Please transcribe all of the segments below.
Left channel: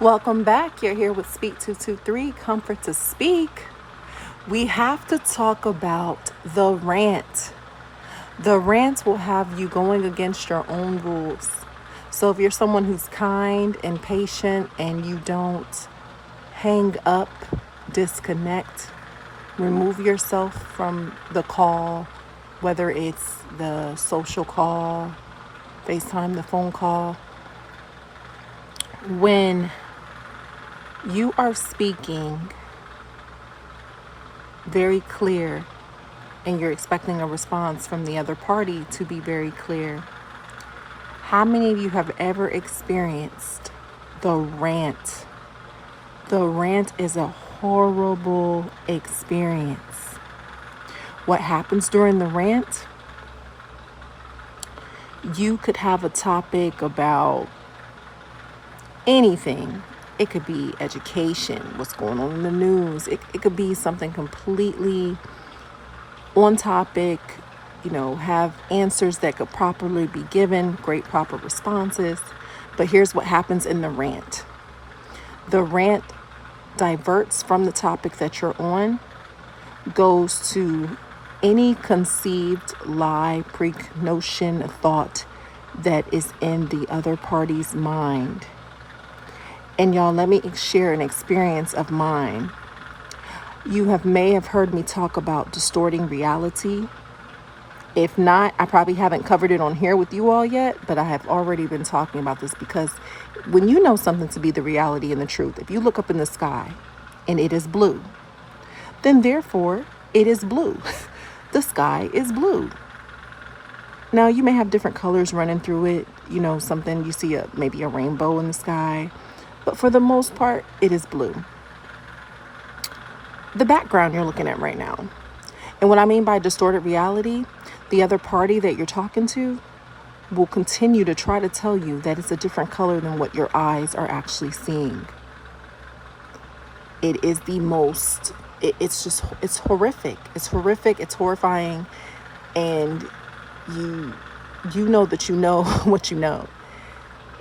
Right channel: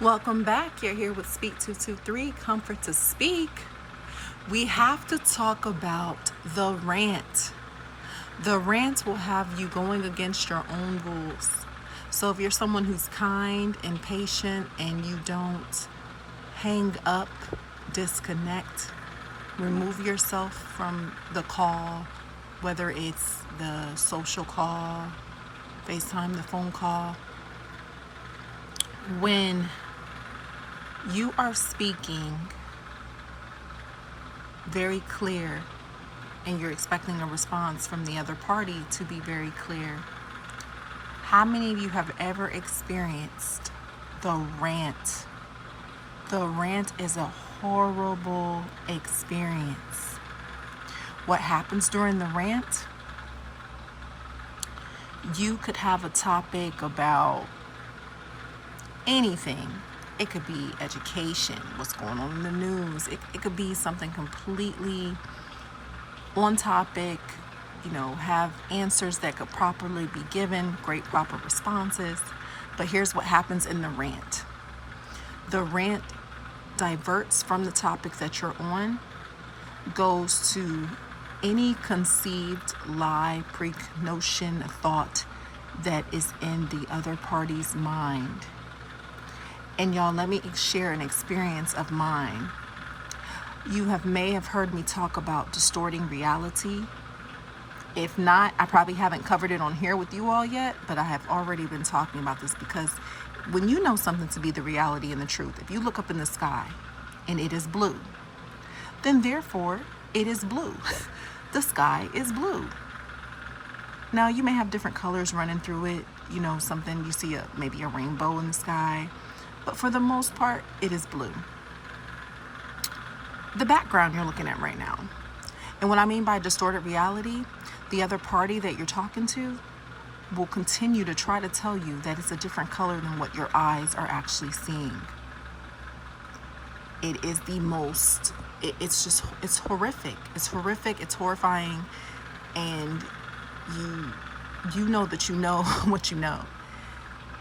Welcome back. You're here with Speak 223, Comfort to Speak. We have to talk about the rant. The rant will have you going against your own rules. So if you're someone who's kind and patient and you don't hang up, disconnect, remove yourself from the call, whether it's the social call, FaceTime, the phone call, when you are speaking very clear and you're expecting a response from the other party to be very clear, how many of you have ever experienced the rant? The rant is a horrible experience. What happens during the rant? You could have a topic about anything. It could be education, what's going on in the news. It could be something completely on topic, have answers that could properly be given, great proper responses. But here's what happens in the rant. The rant diverts from the topic that you're on, goes to any conceived lie, pre-notion, thought that is in the other party's mind. And y'all, let me share an experience of mine. You may have heard me talk about distorting reality. If not, I probably haven't covered it on here with you all yet, but I have already been talking about this because when you know something to be the reality and the truth, if you look up in the sky and it is blue, then therefore it is blue. The sky is blue. Now you may have different colors running through it, something you see maybe a rainbow in the sky. But for the most part, it is blue. The background you're looking at right now. And what I mean by distorted reality, the other party that you're talking to will continue to try to tell you that it's a different color than what your eyes are actually seeing. It is the most, it's horrific. It's horrific, it's horrifying. And you know that you know what you know.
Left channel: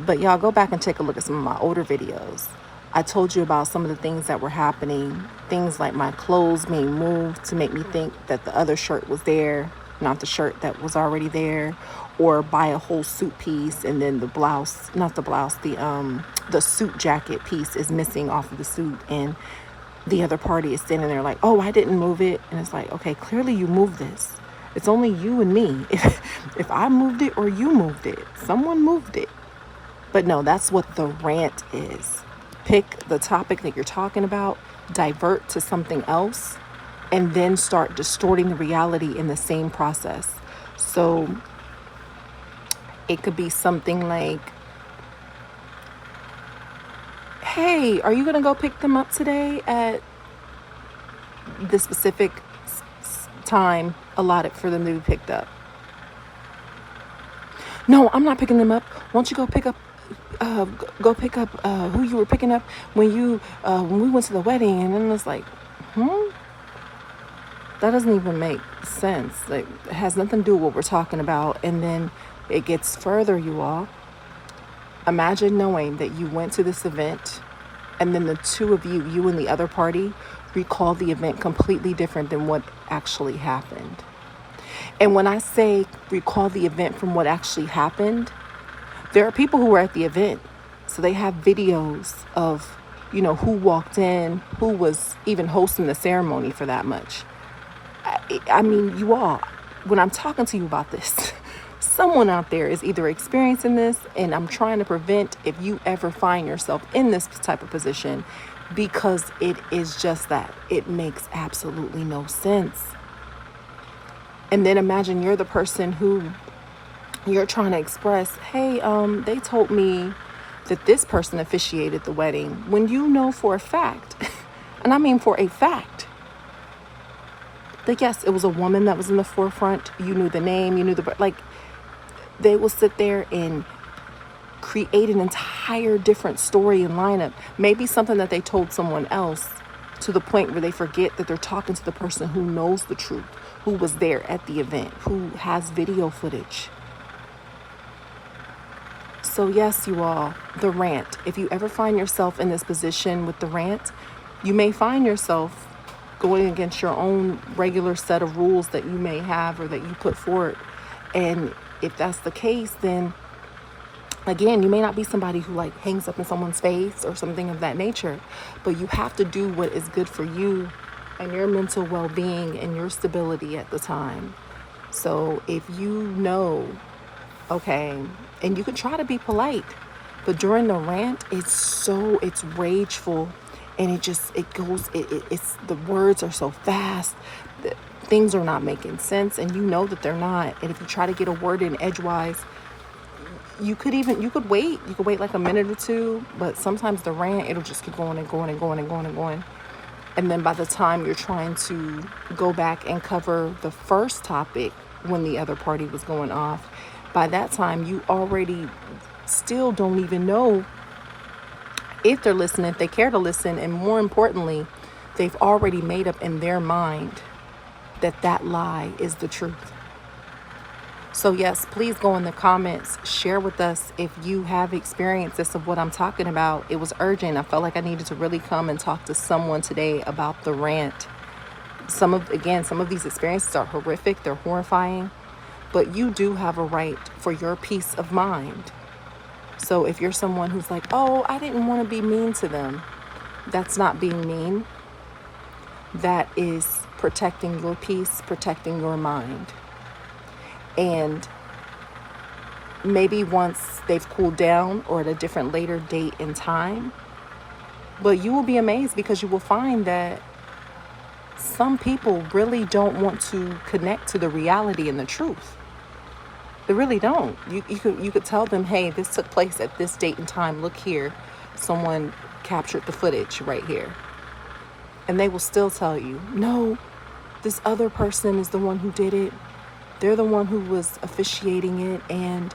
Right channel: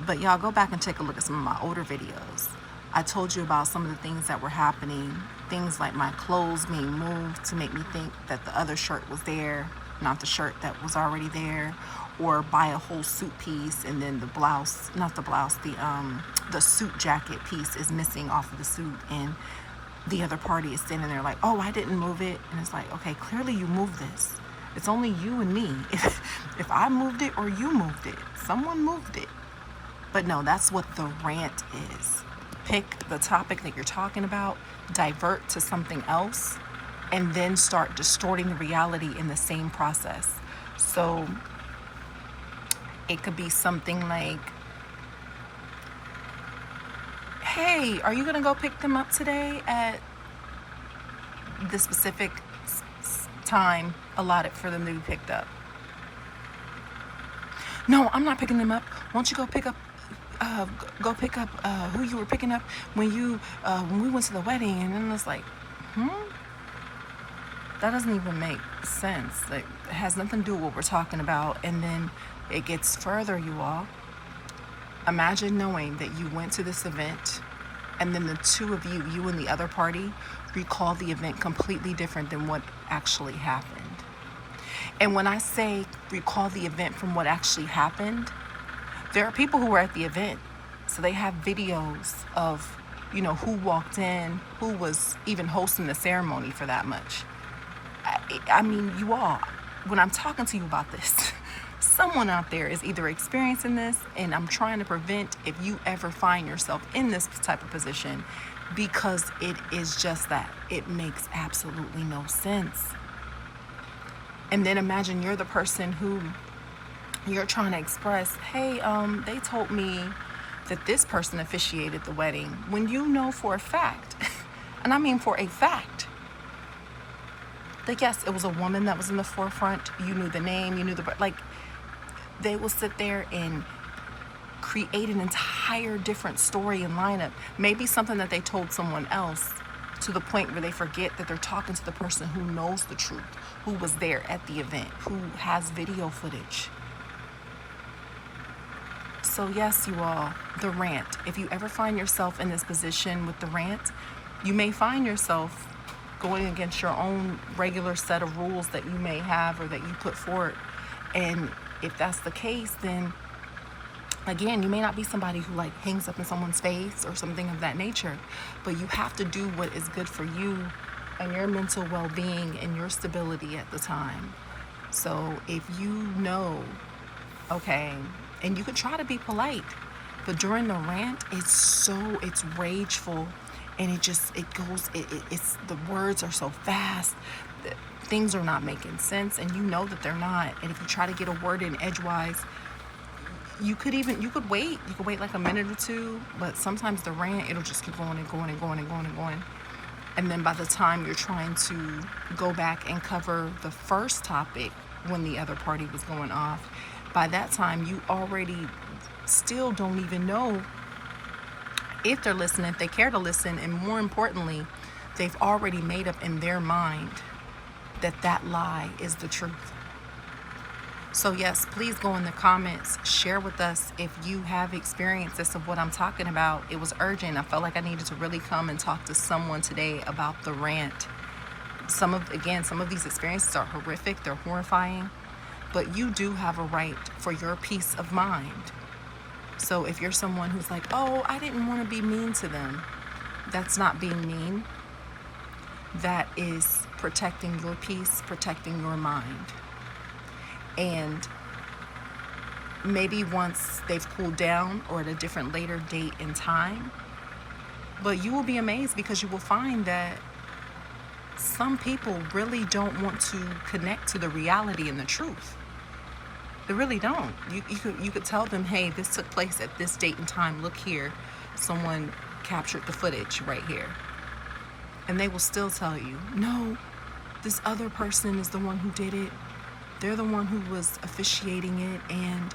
But y'all go back and take a look at some of my older videos. I told you about some of the things that were happening. Things like my clothes being moved to make me think that the other shirt was there, not the shirt that was already there. Or buy a whole suit piece and then the blouse, not the blouse, the suit jacket piece is missing off of the suit. And the other party is standing there like, oh, I didn't move it. And it's like, okay, clearly you moved this. It's only you and me. If I moved it or you moved it, someone moved it. But no, that's what the rant is. Pick the topic that you're talking about, divert to something else, and then start distorting the reality in the same process. So it could be something like, hey, are you going to go pick them up today at the specific time allotted for them to be picked up? No, I'm not picking them up. Why don't you go pick up who you were picking up when we went to the wedding? And then it's like, that doesn't even make sense. Like, it has nothing to do with what we're talking about. And then it gets further, you all. Imagine knowing that you went to this event and then the two of you and the other party, recall the event completely different than what actually happened. And when I say recall the event from what actually happened, there are people who were at the event, so they have videos of, who walked in, who was even hosting the ceremony for that much. I mean, you all, when I'm talking to you about this, someone out there is either experiencing this, and I'm trying to prevent if you ever find yourself in this type of position, because it is just that. It makes absolutely no sense. And then imagine you're the person who you're trying to express, hey, they told me that this person officiated the wedding, when you know for a fact, and I mean for a fact, that yes, it was a woman that was in the forefront. You knew the name, you knew they will sit there and create an entire different story and lineup. Maybe something that they told someone else, to the point where they forget that they're talking to the person who knows the truth, who was there at the event, who has video footage. So yes, you all, the rant. If you ever find yourself in this position with the rant, you may find yourself going against your own regular set of rules that you may have or that you put forward. And if that's the case, then again, you may not be somebody who like hangs up in someone's face or something of that nature, but you have to do what is good for you and your mental well-being and your stability at the time. So if you know, okay, and you can try to be polite, but during the rant, it's rageful, and it's the words are so fast, things are not making sense, and you know that they're not. And if you try to get a word in edgewise, you could wait like a minute or two, but sometimes the rant, it'll just keep going and going and going and going and going. And then by the time you're trying to go back and cover the first topic when the other party was going off, by that time you already still don't even know if they're listening, if they care to listen, and more importantly, they've already made up in their mind that that lie is the truth. So yes, please go in the comments, share with us if you have experienced this of what I'm talking about. It was urgent. I felt like I needed to really come and talk to someone today about the rant. Some of these experiences are horrific, they're horrifying, but you do have a right for your peace of mind. So if you're someone who's like, oh, I didn't want to be mean to them, that's not being mean. That is protecting your peace, protecting your mind. And maybe once they've cooled down or at a different later date and time, but you will be amazed because you will find that some people really don't want to connect to the reality and the truth. They really don't. You could tell them, hey, this took place at this date and time. Look here, someone captured the footage right here. And they will still tell you, no, this other person is the one who did it. They're the one who was officiating it, and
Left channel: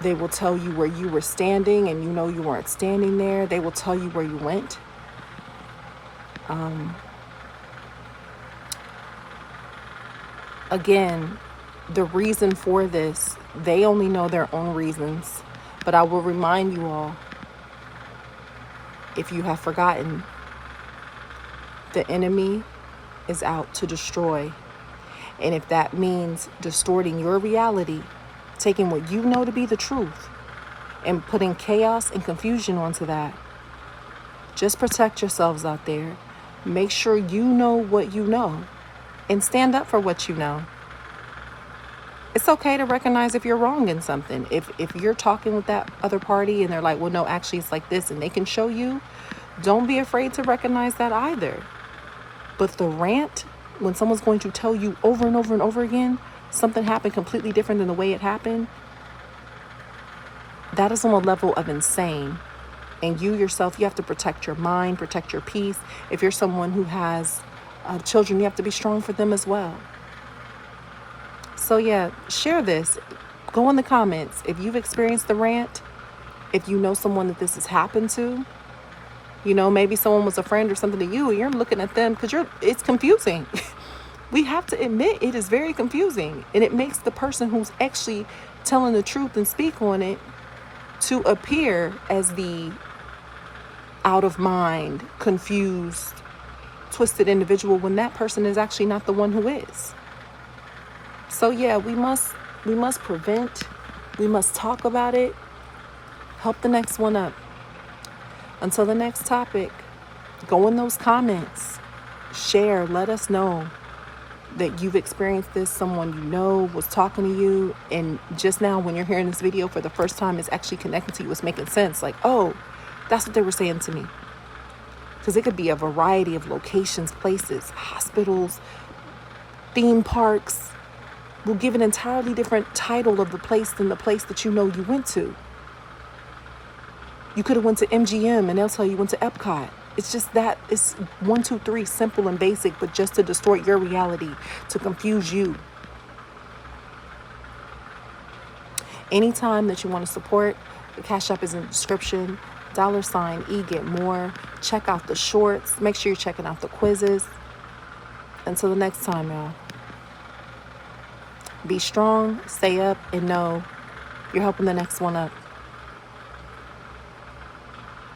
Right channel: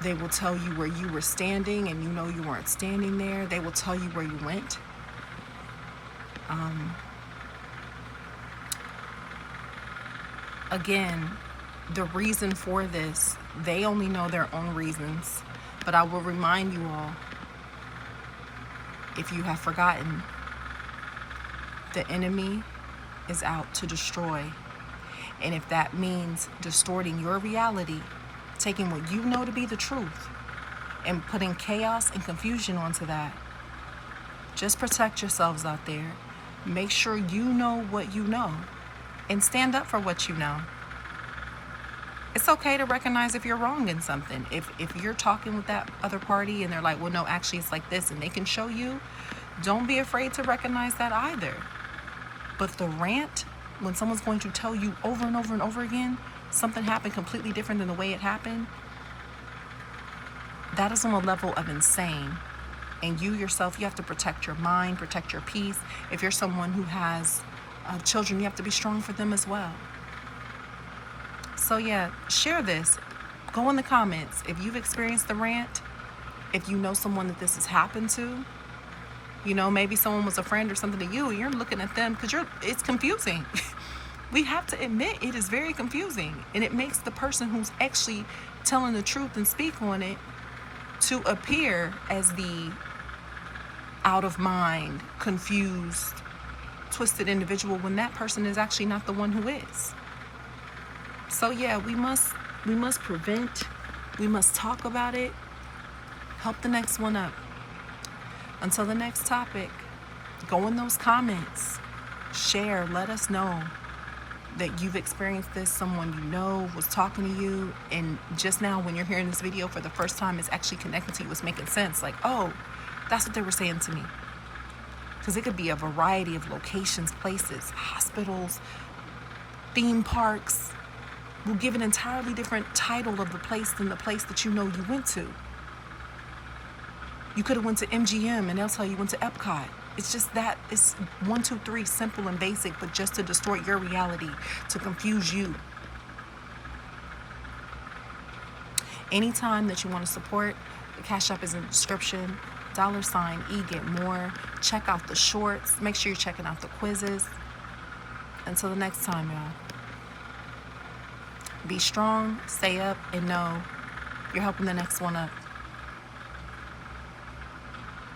they will tell you where you were standing, and you know you weren't standing there. They will tell you where you went. Again, the reason for this, they only know their own reasons. But I will remind you all, if you have forgotten, the enemy is out to destroy. And if that means distorting your reality, taking what you know to be the truth and putting chaos and confusion onto that, just protect yourselves out there. Make sure you know what you know and stand up for what you know. It's okay to recognize if you're wrong in something. If you're talking with that other party and they're like, well, no, actually it's like this, and they can show you, don't be afraid to recognize that either. But the rant, when someone's going to tell you over and over and over again, something happened completely different than the way it happened, that is on a level of insane. And you yourself, you have to protect your mind, protect your peace. If you're someone who has children, you have to be strong for them as well. So yeah, share this. Go in the comments if you've experienced the rant, if you know someone that this has happened to. You know, maybe someone was a friend or something to you, and you're looking at them because it's confusing. We have to admit it is very confusing, and it makes the person who's actually telling the truth and speak on it to appear as the out of mind, confused, twisted individual when that person is actually not the one who is. So yeah, we must prevent, we must talk about it, help the next one up. Until the next topic, go in those comments, share, let us know that you've experienced this, someone you know was talking to you, and just now when you're hearing this video for the first time, it's actually connecting to you, it's making sense, like, oh, that's what they were saying to me. Because it could be a variety of locations, places, hospitals, theme parks. Will give an entirely different title of the place than the place that you know you went to. You could have went to MGM and they'll tell you went to Epcot. It's just that, it's 1, 2, 3, simple and basic, but just to distort your reality, to confuse you. Anytime that you want to support, the Cash App is in the description. $sign Egetmore. Check out the shorts. Make sure you're checking out the quizzes. Until the next time, y'all. Be strong, stay up, and know You're helping the next one up.